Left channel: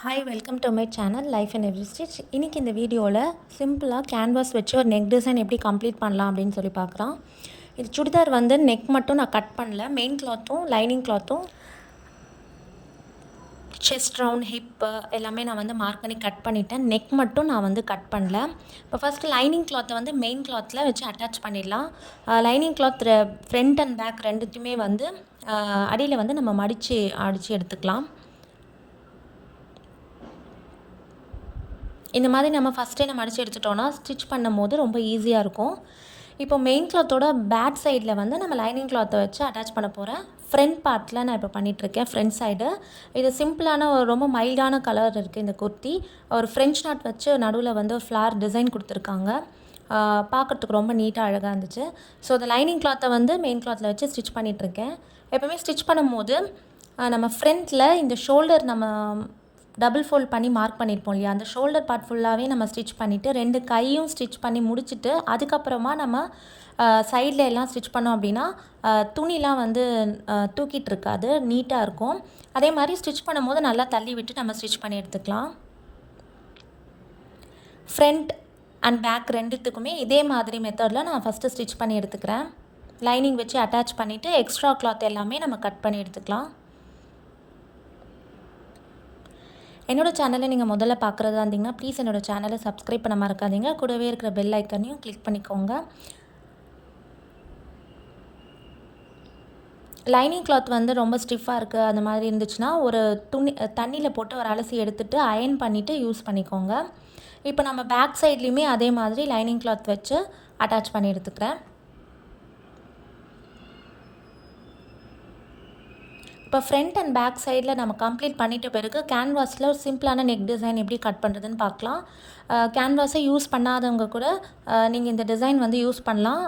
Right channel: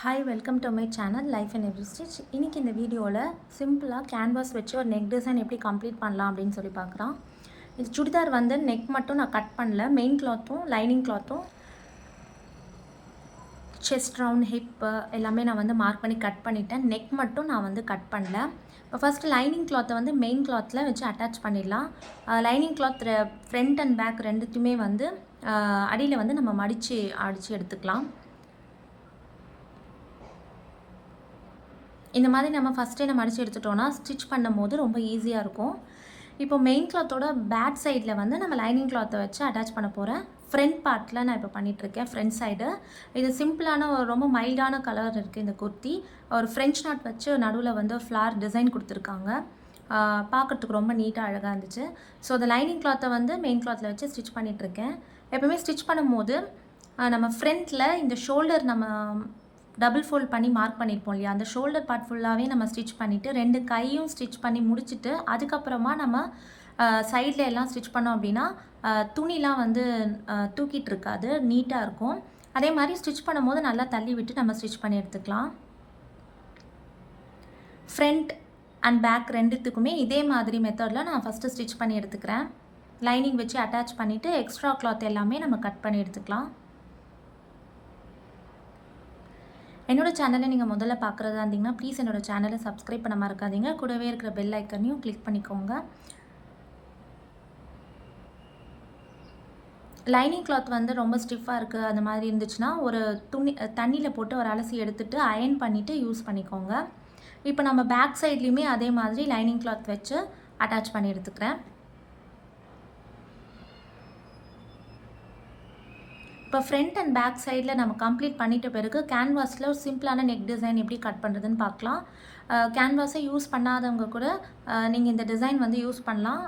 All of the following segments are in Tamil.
Hi welcome to my channel life and every stitch. இன்றைக்கி இந்த வீடியோவில் சிம்பிளாக கேன்வாஸ் வச்சு ஒரு நெக் டிசைன் எப்படி கம்ப்ளீட் பண்ணலாம் அப்படின்னு சொல்லி பார்க்குறோம். இது சுடிதார் வந்து நெக் மட்டும் நான் கட் பண்ணல, மெயின் கிளாத்தும் லைனிங் கிளாத்தும் செஸ்ட் ரவுண்ட் ஹிப்பு எல்லாமே நான் வந்து மார்க் பண்ணி கட் பண்ணிவிட்டேன். நெக் மட்டும் நான் வந்து கட் பண்ணல. இப்போ ஃபஸ்ட்டு லைனிங் கிளாத்தை வந்து மெயின் கிளாத்தில் வச்சு அட்டாச் பண்ணிடலாம். Lining cloth front and back ரெண்டுத்தையுமே வந்து அடியில் வந்து நம்ம அடித்து எடுத்துக்கலாம். இந்த மாதிரி நம்ம ஃபஸ்ட்டே நம்ம அடித்து எடுத்துட்டோன்னா ஸ்டிச் பண்ணும் போது ரொம்ப ஈஸியாக இருக்கும். இப்போ மெயின் கிளாத்தோட பேக் சைடில் வந்து நம்ம லைனிங் கிளாத்தை வச்சு அட்டாச் பண்ண போகிறேன். ஃப்ரண்ட் பார்ட்டில் நான் இப்போ பண்ணிகிட்ருக்கேன், ஃப்ரண்ட் சைடு. இது சிம்பிளான ஒரு ரொம்ப மைல்டான கலர் இருக்குது இந்த குர்த்தி. ஒரு ஃப்ரெஞ்ச் நாட் வச்சு நடுவில் வந்து ஒரு ஃப்ளார் டிசைன் கொடுத்துருக்காங்க. பார்க்குறதுக்கு ரொம்ப நீட்டாக அழகாக இருந்துச்சு. ஸோ இந்த லைனிங் கிளாத்தை வந்து மெயின் கிளாத்தில் வச்சு ஸ்டிச் பண்ணிகிட்ருக்கேன். எப்போவுமே ஸ்டிச் பண்ணும்போது நம்ம ஃப்ரண்ட்டில் இந்த ஷோல்டர் நம்ம டபுள் ஃபோல்ட் பண்ணி மார்க் பண்ணியிருப்போம் இல்லையா, அந்த ஷோல்டர் பார்ட் ஃபுல்லாகவே நம்ம ஸ்டிச் பண்ணிவிட்டு 2 கையும் ஸ்டிச் பண்ணி முடிச்சுட்டு அதுக்கப்புறமா நம்ம சைடில் எல்லாம் ஸ்டிச் பண்ணோம் அப்படின்னா துணிலாம் வந்து தூக்கிட்டு இருக்காது, நீட்டாக இருக்கும். அதே மாதிரி ஸ்டிச் பண்ணும்போது நல்லா தள்ளி விட்டு நம்ம ஸ்டிச் பண்ணி எடுத்துக்கலாம். ஃப்ரண்ட் அண்ட் பேக் ரெண்டுத்துக்குமே இதே மாதிரி மெத்தடில் நான் ஃபஸ்ட்டு ஸ்டிச் பண்ணி எடுத்துக்கிறேன். லைனிங் வச்சு அட்டாச் பண்ணிவிட்டு எக்ஸ்ட்ரா கிளாத் எல்லாமே நம்ம கட் பண்ணி எடுத்துக்கலாம். என்னோடய சேனலை நீங்கள் முதல்ல பார்க்குறதா இருந்தீங்கன்னா ப்ளீஸ் என்னோடய சேனலை சப்ஸ்கிரைப் பண்ண மறக்காதீங்க. கூடவே இருக்கிற பெல் ஐக்கனையும் கிளிக் பண்ணிக்கோங்க. லைனிங் கிளாத் வந்து ரொம்ப ஸ்டிஃபாக இருக்குது அந்த மாதிரி இருந்துச்சுன்னா ஒரு தண்ணியில் போட்டு ஒரு அலசி எடுத்துகிட்டு அயர்ன் பண்ணிவிட்டு யூஸ் பண்ணிக்கோங்க. இப்போ நம்ம பேக் சைட்லேயுமே அதே மாதிரி லைனிங் கிளாத் வச்சு அட்டாச் பண்ணி எடுத்துக்கிறேன். இப்போ ஃப்ரண்ட் அண்ட் பேக் சைடில் நம்ம கம்ப்ளீட் பண்ணிட்ட பிறகு கேன்வாஸில் ஒரு சிம்பிளான நெக் டிசைன் எப்படி கட் பண்ணுறதுன்னு பார்க்கலாம். கேன்வாஸை யூஸ் பண்ணாதவங்க கூட நீங்கள் இந்த டிசைன் வந்து யூஸ் பண்ணலாம்.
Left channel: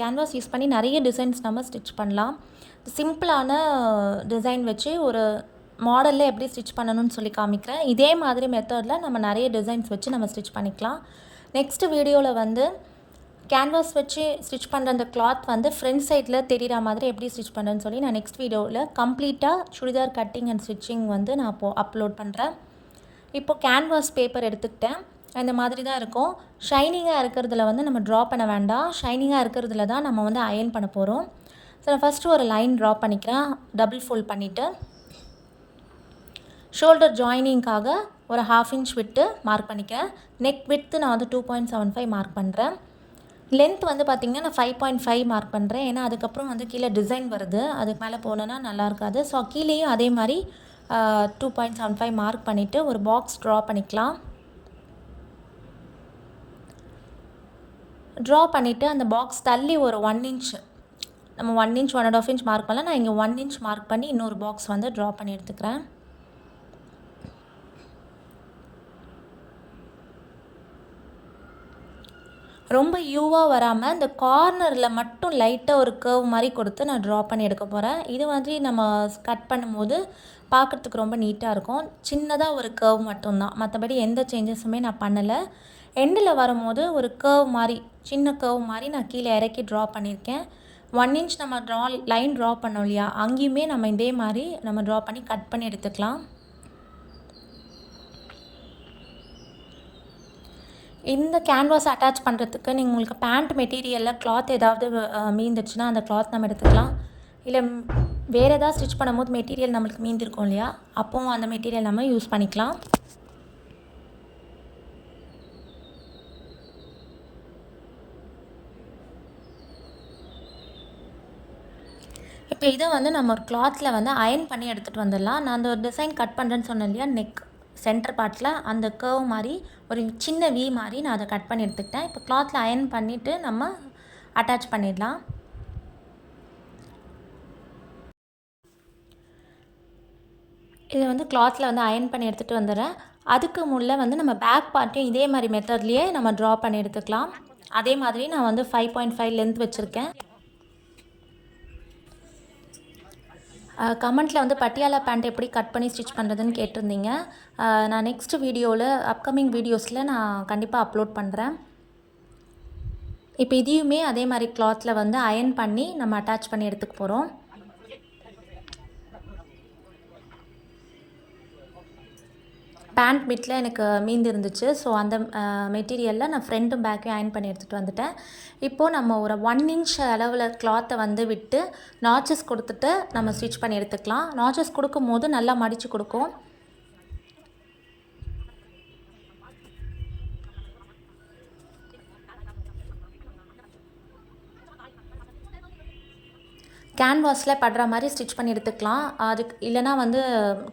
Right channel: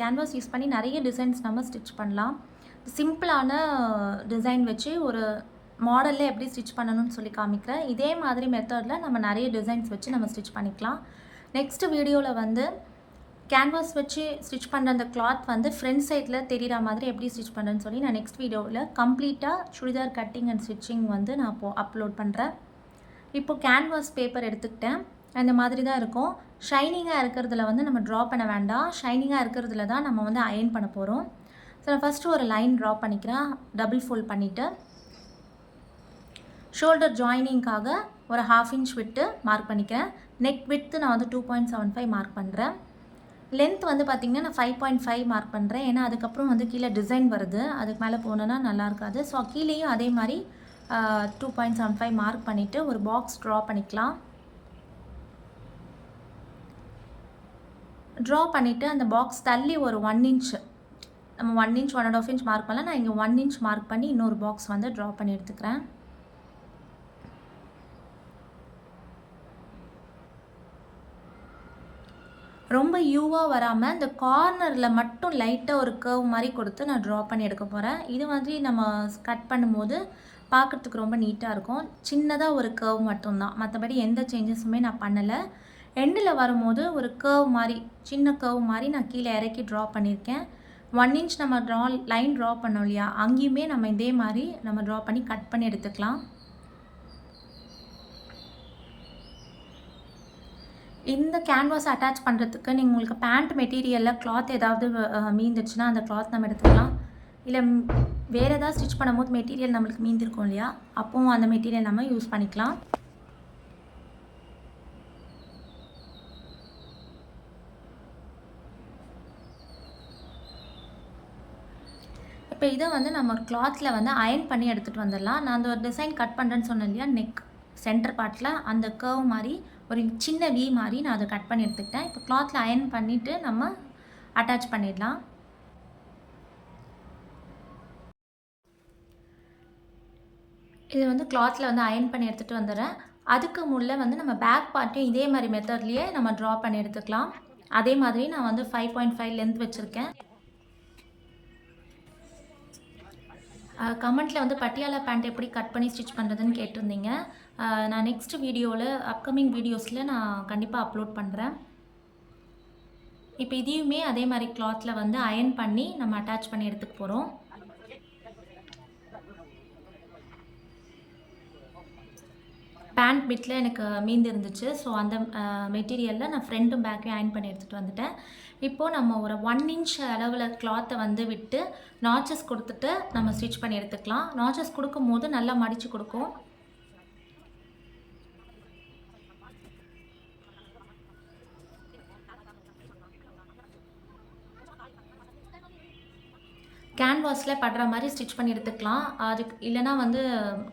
கேன்வாஸ் யூஸ் பண்ணி நிறைய டிசைன்ஸ் நம்ம ஸ்டிச் பண்ணலாம். சிம்பிளான டிசைன் வச்சு ஒரு மாடலில் எப்படி ஸ்டிச் பண்ணணும்னு சொல்லி காமிக்கிறேன். இதே மாதிரி மெத்தடில் நம்ம நிறைய டிசைன்ஸ் வச்சு நம்ம ஸ்டிச் பண்ணிக்கலாம். நெக்ஸ்ட் வீடியோவில் வந்து கேன்வாஸ் வச்சு ஸ்டிச் பண்ணுற அந்த கிளாத் வந்து ஃப்ரண்ட் சைடில் தெரிகிற மாதிரி எப்படி ஸ்டிச் பண்ணுறேன்னு சொல்லி நான் நெக்ஸ்ட் வீடியோவில் கம்ப்ளீட்டாக சுடிதார் கட்டிங் அண்ட் ஸ்டிச்சிங் வந்து நான் அப்லோட் பண்ணுறேன். இப்போது கேன்வாஸ் பேப்பர் எடுத்துக்கிட்டேன். இந்த மாதிரி தான் இருக்கும். ஷைனிங்காக இருக்கிறதுல வந்து நம்ம ட்ரா பண்ண வேண்டாம், ஷைனிங்காக இருக்கிறதுல தான் நம்ம வந்து அயர்ன் பண்ண போகிறோம். ஸோ நான் ஃபஸ்ட்டு ஒரு லைன் ட்ரா பண்ணிக்கிறேன், டபுள் ஃபோல்ட் பண்ணிவிட்டு ஷோல்டர் ஜாயினிங்காக ஒரு 1/2 இன்ச் விட்டு மார்க் பண்ணிக்கிறேன். நெக் விட்த்து நான் வந்து 2.75 மார்க் பண்ணுறேன். லென்த் வந்து பார்த்திங்கன்னா நான் 5.5 மார்க் பண்ணுறேன். ஏன்னா அதுக்கப்புறம் வந்து கீழே டிசைன் வருது, அதுக்கு மேலே போனோன்னா நல்லா இருக்காது. ஸோ கீழேயும் அதே மாதிரி 2.75 மார்க் பண்ணிவிட்டு ஒரு பாக்ஸ் ட்ரா பண்ணிக்கலாம். ட்ரா பண்ணிவிட்டு அந்த பாக்ஸ் தள்ளி ஒரு 1 இன்ச், நம்ம 1 இன்ச் 1.5 இன்ச் மார்க் பண்ணல, நான் இங்கே 1 இன்ச் மார்க் பண்ணி இன்னொரு பாக்ஸ் வந்து ட்ரா பண்ணி எடுத்துக்கிறேன். ரொம்ப யூவாக வராமல் இந்த கார்னரில் மட்டும் லைட்டாக ஒரு கர்வ் மாதிரி கொடுத்து நான் ட்ரா பண்ணி எடுக்க போகிறேன். இது மாதிரி நம்ம கட் பண்ணும்போது பார்க்குறதுக்கு ரொம்ப நீட்டாக இருக்கும். சின்னதாக ஒரு கர்வ் மட்டும்தான், மற்றபடி எந்த சேஞ்சஸுமே நான் பண்ணலை. எண்டில் வரும்போது ஒரு கர்வ் மாதிரி, சின்ன கர்வ் மாதிரி நான் கீழே இறக்கி ட்ரா பண்ணியிருக்கேன். 1 இன்ச் நம்ம லைன் ட்ரா பண்ணோம் இல்லையா, அங்கேயுமே நம்ம இதே மாதிரி நம்ம ட்ரா பண்ணி கட் பண்ணி எடுத்துக்கலாம். இந்த கேன்வாஸ் அட்டாச் பண்ணுறதுக்கு நீங்கள் உங்களுக்கு பேண்ட் மெட்டீரியலில் கிளாத் ஏதாவது மீந்துச்சுன்னா அந்த கிளாத் நம்ம எடுத்துக்கலாம். இல்லை வேறு ஏதாவது ஸ்டிச் பண்ணும்போது மெட்டீரியல் நம்மளுக்கு மீந்திருக்கும் இல்லையா, அப்போவும் அந்த மெட்டீரியல் நம்ம யூஸ் பண்ணிக்கலாம். இப்போ இதை வந்து நம்ம ஒரு கிளாத்தில் வந்து அயர்ன் பண்ணி எடுத்துகிட்டு வந்துடலாம். நான் அந்த ஒரு டிசைன் கட் பண்ணுறேன்னு சொன்னேன் இல்லையா, நெக் சென்டர் பார்ட்டில் அந்த கர்வ் மாதிரி ஒரு சின்ன வி மாதிரி நான் அதை கட் பண்ணி எடுத்துக்கிட்டேன். இப்போ கிளாத்தில் அயர்ன் பண்ணிவிட்டு நம்ம அட்டாச் பண்ணிடலாம். இதை வந்து கிளாத்தில் வந்து அயர்ன் பண்ணி எடுத்துகிட்டு வந்துடுறேன். அதுக்கு முன்னே வந்து நம்ம பேக் பார்ட்டையும் இதே மாதிரி மெத்தட்லேயே நம்ம ட்ரா பண்ணி எடுத்துக்கலாம். அதே மாதிரி நான் வந்து 5.5 லென்த் வச்சுருக்கேன். கமெண்ட்டில் வந்து பட்டியாலா பேண்ட் எப்படி கட் பண்ணி ஸ்டிச் பண்ணுறதுன்னு கேட்டிருந்தீங்க. நான் நெக்ஸ்ட் வீடியோவில் அப்கமிங் வீடியோஸில் நான் கண்டிப்பாக அப்லோட் பண்ணுறேன். இப்போ இதையுமே அதே மாதிரி கிளாத்தில் வந்து அயர்ன் பண்ணி நம்ம அட்டாச் பண்ணி எடுத்துக்க போகிறோம். பேண்ட் பிட்டில் எனக்கு மீந்து இருந்துச்சு. ஸோ அந்த மெட்டீரியலில் நான் ஃப்ரண்ட்டும் பேக்கையும் அயர்ன் பண்ணி எடுத்துகிட்டு வந்துட்டேன். இப்போது நம்ம ஒரு 1 இன்ச் அளவில் கிளாத்தை வந்து விட்டு நாச்சஸ் கொடுத்துட்டு நம்ம ஸ்டிச் பண்ணி எடுத்துக்கலாம். நாச்சஸ் கொடுக்கும்போது நல்லா மடித்து கொடுக்கும். கேன்வாஸில் படுற மாதிரி ஸ்டிச் பண்ணி எடுத்துக்கலாம். அதுக்கு இல்லைனா வந்து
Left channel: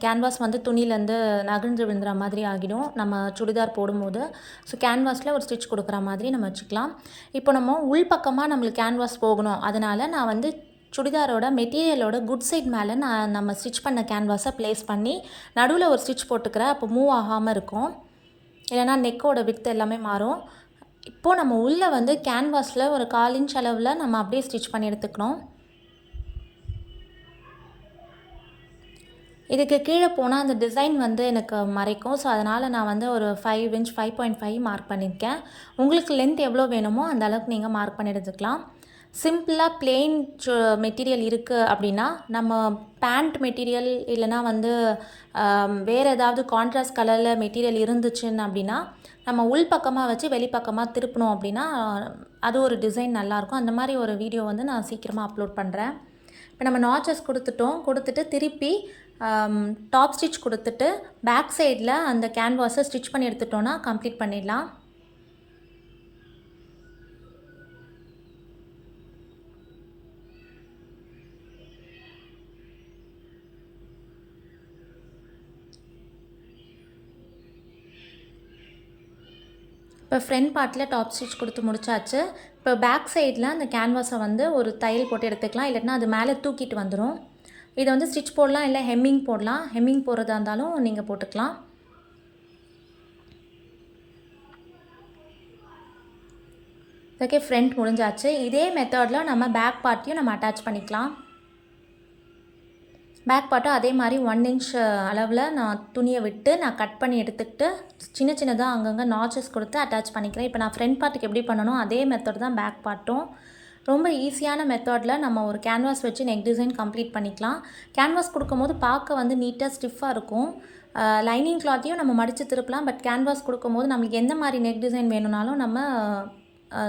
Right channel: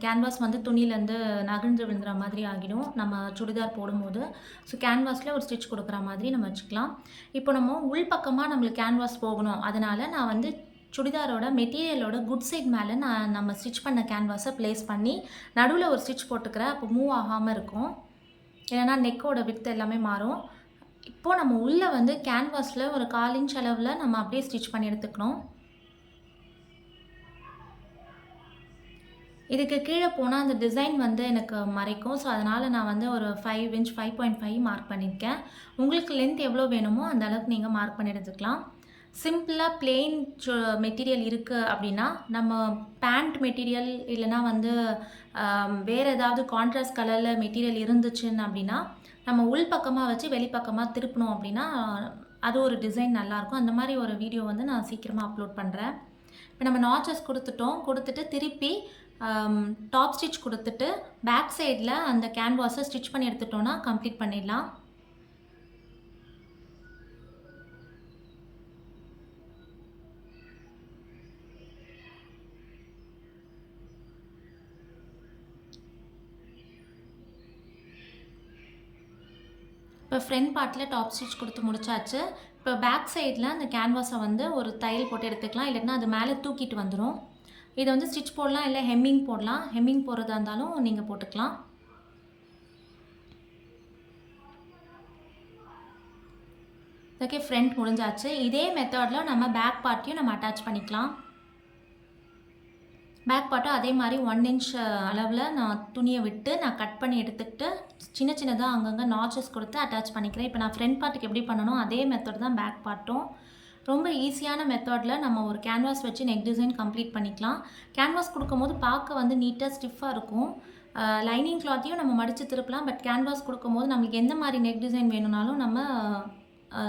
கேன்வாஸ் வந்து துணியிலேருந்து நகர்ந்து விழுந்துற மாதிரி ஆகிடும் நம்ம சுடிதார் போடும்போது. ஸோ கேன்வாஸில் ஒரு ஸ்டிச் கொடுக்குற மாதிரி நம்ம வச்சுக்கலாம். இப்போ நம்ம உள் பக்கமாக நம்மளுக்கு கேன்வாஸ் போகணும். அதனால் நான் வந்து சுடிதாரோட மெட்டீரியலோட குட் சைட் மேலே நம்ம ஸ்டிச் பண்ண கேன்வாஸை ப்ளேஸ் பண்ணி நடுவில் ஒரு ஸ்டிச் போட்டுக்கிறேன். அப்போ மூவ் ஆகாமல் இருக்கும். இல்லைனா நெக்கோட விட்த் எல்லாமே மாறும். இப்போது நம்ம உள்ளே வந்து கேன்வாஸில் ஒரு 1/4 இன்ச் அளவில் நம்ம அப்படியே ஸ்டிச் பண்ணி எடுத்துக்கணும். இதுக்கு கீழே போனால் அந்த டிசைன் வந்து எனக்கு மறைக்கும். ஸோ அதனால் நான் வந்து ஒரு 5 இன்ச் 5.5 மார்க் பண்ணியிருக்கேன். உங்களுக்கு லென்த் எவ்வளோ வேணுமோ அந்த அளவுக்கு நீங்கள் மார்க் பண்ணி எடுத்துக்கலாம். சிம்பிளாக பிளெயின் மெட்டீரியல் இருக்குது அப்படின்னா நம்ம பேண்ட் மெட்டீரியல் இல்லைனா வந்து வேறு ஏதாவது கான்ட்ராஸ்ட் கலரில் மெட்டீரியல் இருந்துச்சுன்னு அப்படின்னா நம்ம உள் பக்கமாக வச்சு வெளிப்பக்கமாக திருப்பினோம் அப்படின்னா அது ஒரு டிசைன் நல்லாயிருக்கும். அந்த மாதிரி ஒரு வீடியோ வந்து நான் சீக்கிரமாக அப்லோட் பண்ணுறேன். இப்போ நம்ம நாச்சஸ் கொடுத்துட்டு திருப்பி டாப் ஸ்டிச் கொடுத்துட்டு பேக் சைடில் அந்த கேன்வாஸை ஸ்டிச் பண்ணி எடுத்துட்டோன்னா கம்ப்ளீட் பண்ணிடலாம். இப்போ ஃப்ரண்ட் பார்ட்டில் டாப் ஸ்டிச் கொடுத்து முடிச்சாச்சு. இப்போ பேக் சைடில் அந்த கேன்வாஸை வந்து ஒரு தையல் போட்டு எடுத்துக்கலாம். இல்லைன்னா அது மேலே தூக்கிட்டு வந்துடும். இதை வந்து ஸ்டிச் போடலாம், இல்லை ஹெம்மிங் போடலாம். ஹெம்மிங் போடுறதா இருந்தாலும் நீங்கள் போட்டுக்கலாம். ஓகே, ஃப்ரண்ட் முடிஞ்சாச்சு. இதே மெத்தடில் நம்ம பேக் பார்ட்டையும் நம்ம அட்டாச் பண்ணிக்கலாம். பேக் பார்ட்டும் அதே மாதிரி 1 இன்ச் அளவில் நான் துணியை விட்டு நான் கட் பண்ணி எடுத்துக்கிட்டு சின்னதாக அங்கங்கே நாச்சஸ் கொடுத்து அட்டாச் பண்ணிக்கிறேன். இப்போ நான் ஃப்ரண்ட் பார்ட்டுக்கு எப்படி பண்ணணும் அதே மெத்தட் தான் பேக் பார்ட்டும். ரொம்ப ஈஸியான மெத்தடில் நம்ம ஒரு கேன்வாஸ் வச்சு நெக் டிசைன் கம்ப்ளீட் பண்ணிக்கலாம். கேன்வாஸ் கொடுக்கும்போது பார்க்க வந்து நீட்டாக ஸ்டிஃபாக இருக்கும். லைனிங் கிளாத்தையும் நம்ம மடித்து திருப்பலாம். பட் கேன்வாஸ் கொடுக்கும்போது நம்மளுக்கு எந்த மாதிரி நெக் டிசைன் வேணும்னாலும்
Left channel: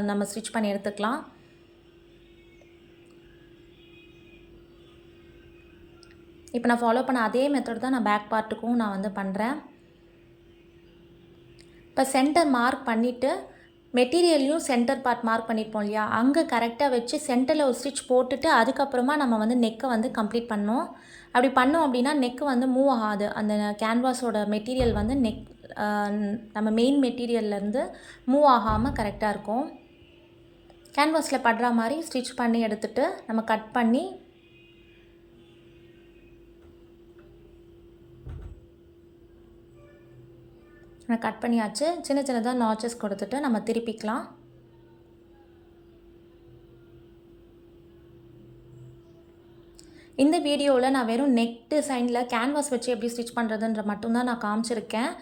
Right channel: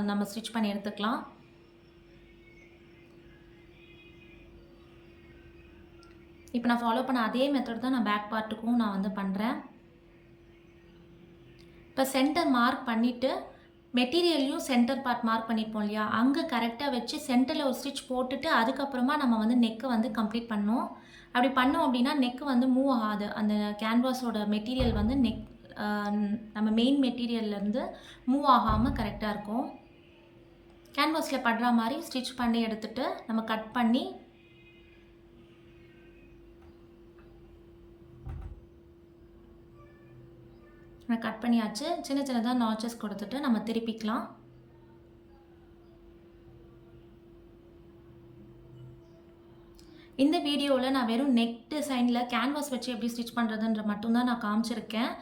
நம்ம ஸ்டிச் பண்ணி எடுத்துக்கலாம். இப்போ நான் ஃபாலோ பண்ண அதே மெத்தட் தான் நான் பேக் பார்ட்டுக்கும் நான் வந்து பண்ணுறேன். இப்போ சென்டர் மார்க் பண்ணிவிட்டு மெட்டீரியல்லையும் சென்டர் பார்ட் மார்க் பண்ணியிருப்போம் இல்லையா, அங்கே கரெக்டாக வச்சு சென்டரில் ஒரு ஸ்டிச் போட்டுட்டு அதுக்கப்புறமா நம்ம வந்து நெக்கை வந்து கம்ப்ளீட் பண்ணோம். அப்படி பண்ணோம் அப்படின்னா நெக்கு வந்து மூவ் ஆகாது. அந்த கேன்வாஸோட மெட்டீரியல் வந்து நம்ம மெயின் மெட்டீரியல்லேருந்து மூவ் ஆகாமல் கரெக்டாக இருக்கும். கேன்வாஸில் படுற மாதிரி ஸ்டிச் பண்ணி எடுத்துகிட்டு நம்ம கட் பண்ணி கட் பண்ணியாச்சு. சின்னதாக நாச்சஸ் கொடுத்துட்டு நம்ம திருப்பிக்கலாம். இந்த வீடியோவில் நான் வெறும் நெக் டிசைனில் கேன்வாஸ் வச்சு எப்படி ஸ்டிச் பண்ணுறதுன்ற மட்டும்தான் நான் காமிச்சிருக்கேன்.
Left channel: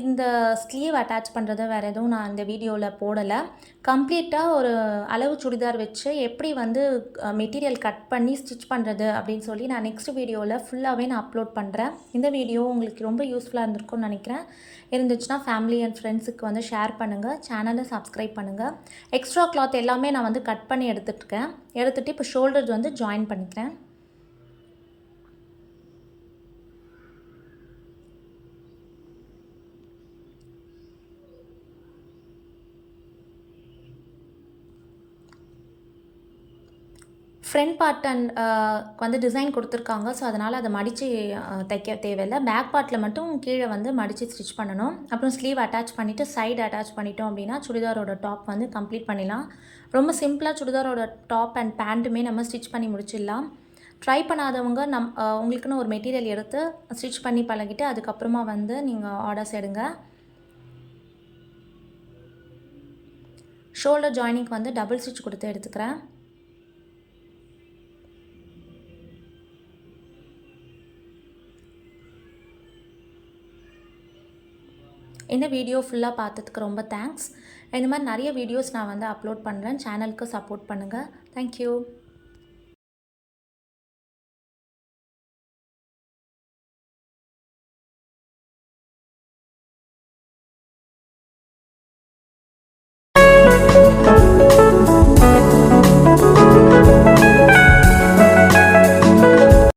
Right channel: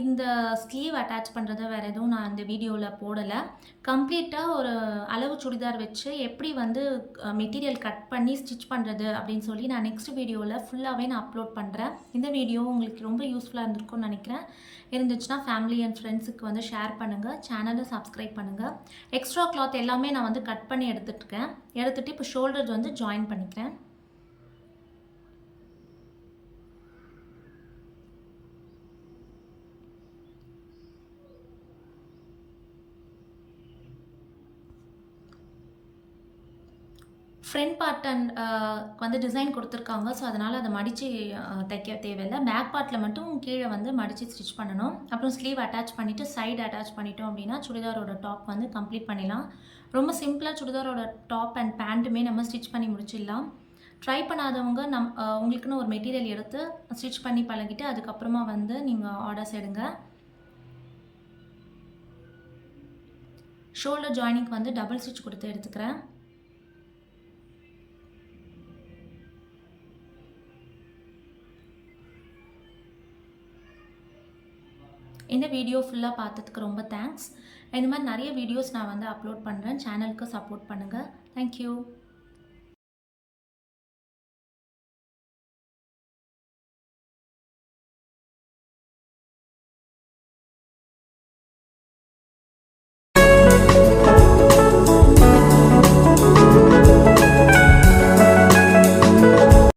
இந்த ஸ்லீவ் அட்டாச் பண்ணுறது வேறு எதுவும் நான் இந்த வீடியோவில் போடலை. கம்ப்ளீட்டாக ஒரு அளவு சுடிதார் வச்சு எப்படி வந்து மெட்டீரியல் கட் பண்ணி ஸ்டிச் பண்ணுறது அப்படின்னு சொல்லி நான் நெக்ஸ்ட் வீடியோவில் ஃபுல்லாகவே நான் அப்லோட் பண்ணுறேன். இந்த வீடியோ உங்களுக்கு ரொம்ப யூஸ்ஃபுல்லாக இருந்திருக்கும்னு நினைக்கிறேன். இருந்துச்சுன்னா ஃபேமிலி அண்ட் ஃப்ரெண்ட்ஸுக்கு வந்து ஷேர் பண்ணுங்கள். சேனலை சப்ஸ்கிரைப் பண்ணுங்கள். எக்ஸ்ட்ரா கிளாத் எல்லாமே நான் வந்து கட் பண்ணி எடுத்துகிட்டு இப்போ ஷோல்டர் வந்து ஜாயின் பண்ணிக்கிறேன். ஃப்ரண்ட் பார்ட் வந்து டிசைன் கொடுத்துருக்காங்க. ஸோ அதனால் அதை மடித்து தைக்க தேவையில்லை. பேக் பார்ட்டில் மட்டும் கீழே வந்து மடித்து ஸ்டிச் பண்ணணும். அப்புறம் ஸ்லீவ் அட்டாச் பண்ணிவிட்டு சைடு அட்டாச் பண்ணிட்டோம் அப்படின்னா சுடிதாரோட டாப் வந்து கம்ப்ளீட் பண்ணிடலாம். ரொம்ப சிம்பிளாக சுடிதாரோட டாப் அண்ட் பேண்ட்டுமே நம்ம ஸ்டிச் பண்ணி முடிச்சிடலாம். ட்ரை பண்ணாதவங்க உங்களுக்குன்னு ஒரு மெட்டீரியல் எடுத்து ஸ்டிச் பண்ணி பழகிட்டு அதுக்கப்புறமா வந்து நீங்கள் ஆர்டர்ஸ் எடுங்க. ஷோல்டர் ஜாயினிங்க்கு வந்து டபுள் ஸ்டிச் கொடுத்து எடுத்துக்கிறேன். இந்த வீடியோ ஃபுல்லாக பார்த்ததுக்கு ரொம்ப தேங்க்ஸ். இந்த மாதிரி நிறைய வீடியோஸ் நான் வந்து அப்லோட் பண்ணுறேன். சேனலுக்கு சப்போர்ட் பண்ணுங்கள். தேங்க்யூ.